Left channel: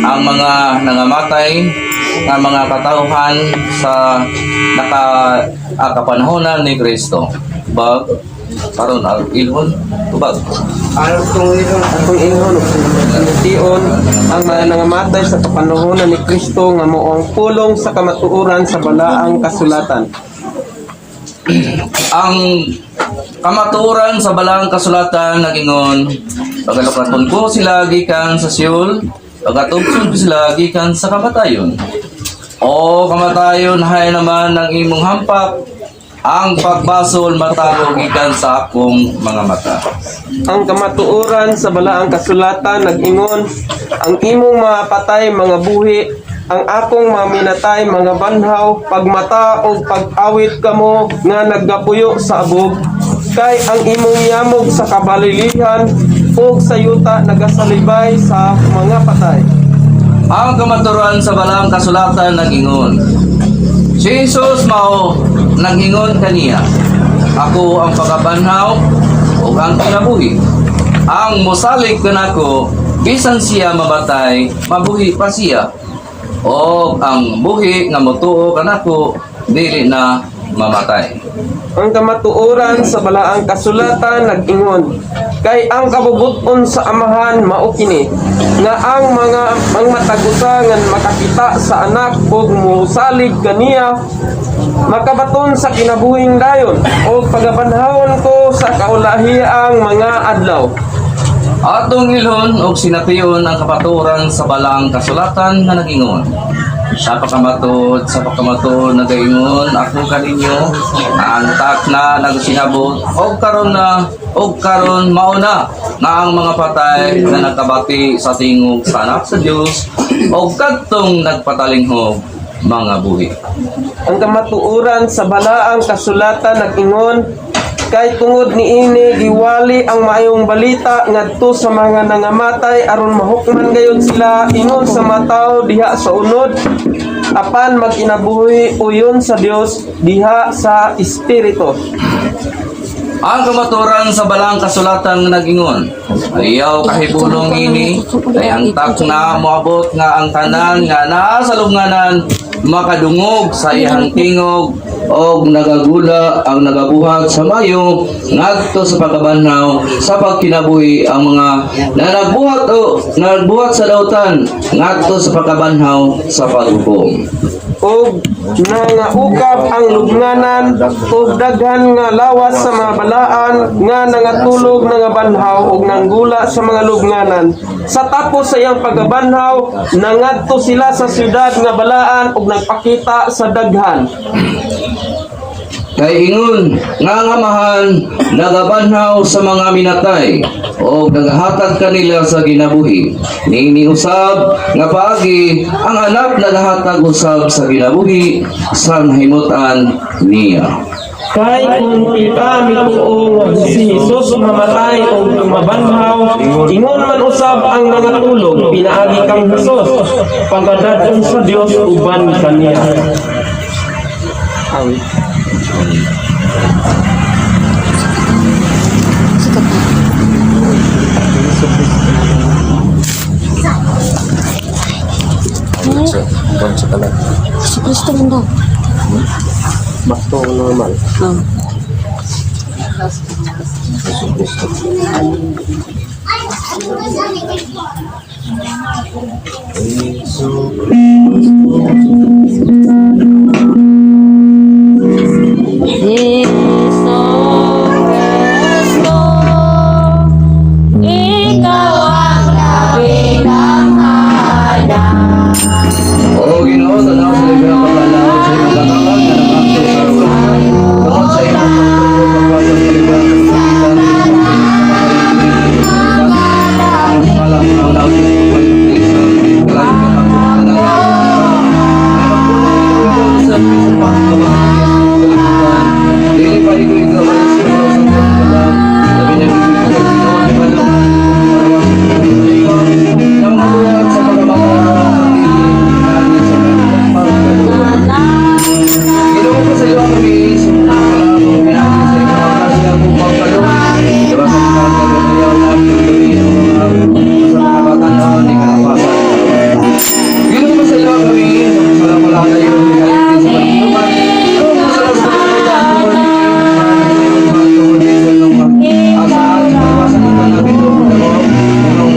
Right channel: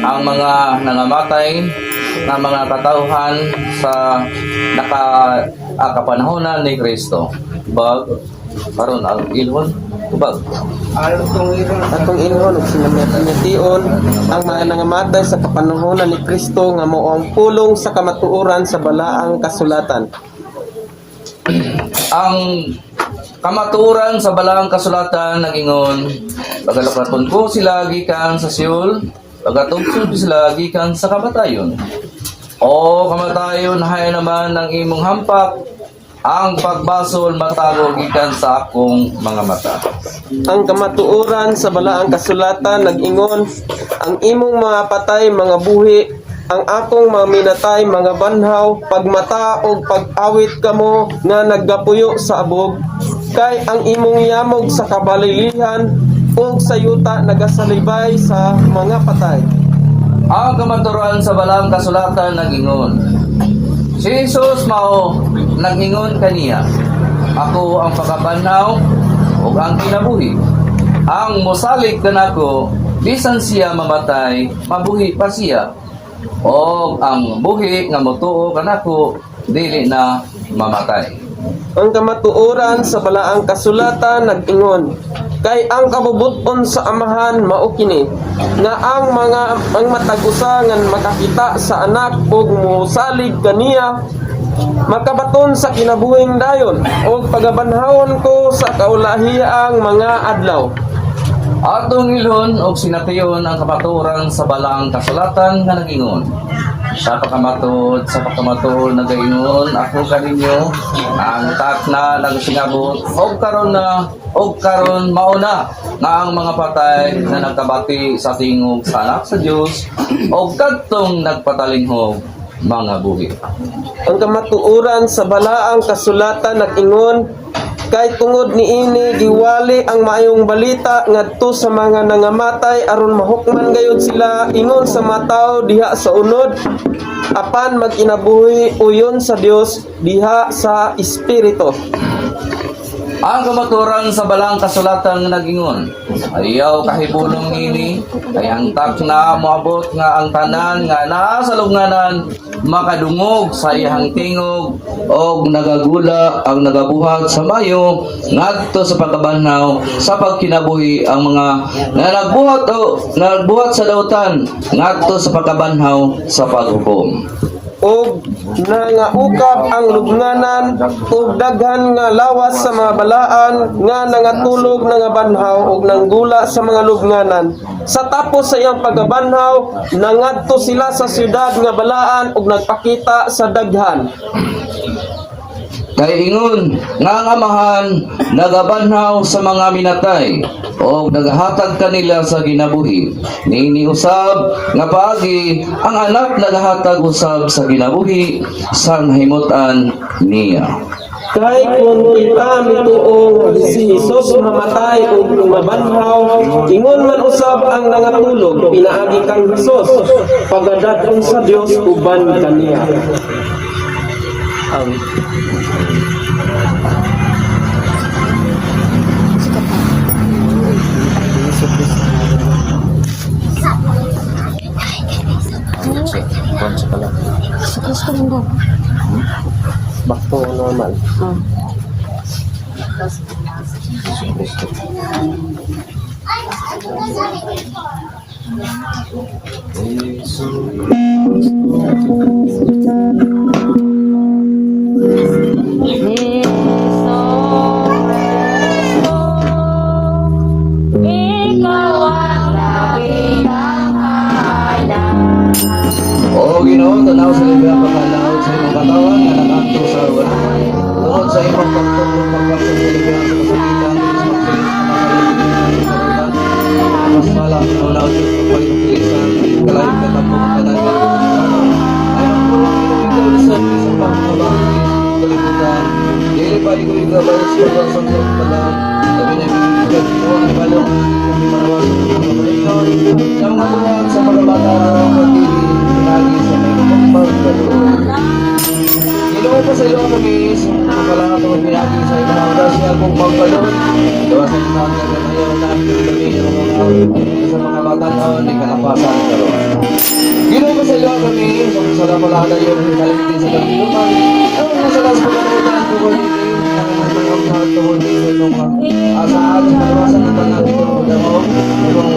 ang mga nangamatay nga mga katauhan sa kapanahonan ni Kristo. Bag paron ang ilhon tubag atong ingon tion ang mga nangamatay sa kapanahonan ni Kristo nga mao ang pulong sa kamatuoran sa balaang kasulatan. Ang kamatuoran sa balaang kasulatan nagingon pagalapaton ko sila gikan sa Seol, pagatubsod sila gikan sa kamatayon. O kamatayon hay naman ang imong hampak, ang pagbasol matao gikan sa akong mga mata. Ang kamatuoran sa balaang kasulatan nag-ingon ang imong mga patay mga buhi, ang akong mga minatay mga banhaw, pagmata o pag-awit kamo nga naggapuyo sa abog, kay ang imong yamog sa kabalilihan o sa yuta nagasalibay sa mga patay. Ang kamatuoran sa balaang kasulatan nag-ingon si Jesus mao nag-ingon kaniya, ako ang pagkabanhaw o ang kinabuhi. Ang mosalig kanako bisan siya mamatay mabuhi pa siya, o ang buhi nga motuo kanako dili na mamatay. Ang kamatuoran sa balaang kasulatan nag-ingon kay ang kabubuton sa amahan mao kini nga ang matagusangan makakita sa anak ug mosalig kaniya makabaton sa kinabuhing dayon o pagabanhawon ko sa kaulahiyang mga adlaw. Atong ilhon og sinatiyon ang kapaturan sa balang kasulatan nga nagingon sa pagkamatod nagaingon ako kaninyo antak na nagsinabot og karon mauna nga ang mga patay na nagkabati sa tingog sa anak sa Dios og kadtong nagpatalinghog mga buhi. Ang kamatuoran sa balaang kasulatan nag-ingon kay tungod niini giwali ang maayong balita ngadto sa mga nangamatay aron mahukman gayon sila ingon sa mataw diha sa unod apan magkinabuhi uyon sa Dios diha sa espiritu. Ang kamaturan sa balang kasulatan nga nagingon ayaw kahibulong ini kay ang tak na moabot nga ang tanan nga naa sa lubnganan makadungog sa iyang tingog og nagagula ang nagabuhat sa mayo ngadto sa pagkabanhaw sa pagkinabuhi ang mga nagbuhat sa dautan ngadto sa pagkabanhaw sa paghukom. Og nangaukap ang lubnganan og daghan nga lawas sa mga balaan nga nangatulog nga banhaw og nanggula sa mga lubnganan. Sa tapos sa iyang pagabanhaw nangadto sila sa syudad nga balaan og nagpakita sa daghan. Kay ingon nga ang amahan nagabanhaw sa mga minatay o nagahatag kanila sa ginabuhi. Niini usab nga paagi ang anak nagahatag usab sa ginabuhi sa nahimutan niya. Kay kung kita mituong si Jesus mamatay o mabanhaw, ingon man usab ang nangatulog, pinaagi kang Jesus, pagadaton sa Dios uban kaniya. Awit. Si Kristo mo daw. Basta normal. O Ginoo, tanaw sa liga pagkalaot sa imong katawan nga nakaadto sa ruwan. Tungod sa imong pagtubo pagpasang kaligan sa kapitan ang malang ang naot sa pagpapaliti sa kalayo katangkutan ay magpulong ikaw sa isang pangkabang kalibutan. Dili pa ikaw ba sa ruwan sa kalibutan labi na bibigyan Ginoo ang ibalong kung marawas sa mga buhat sa pagkabata lagi sa pagkabulan. Ginoo pa sa iyo ako miis, makalato pinagi sa ibang oras na kung pagkalo. Dawa sa mga kaganayaw na pagkami sa mga bata noon, di kalapasan. sila kami, sila pala ka tayo sa kalimtin sa Bartuluman. Ano mo sila sa kalimtan, mga tuwag din sa mga asahan, sa kalawasan ng mga bito, mga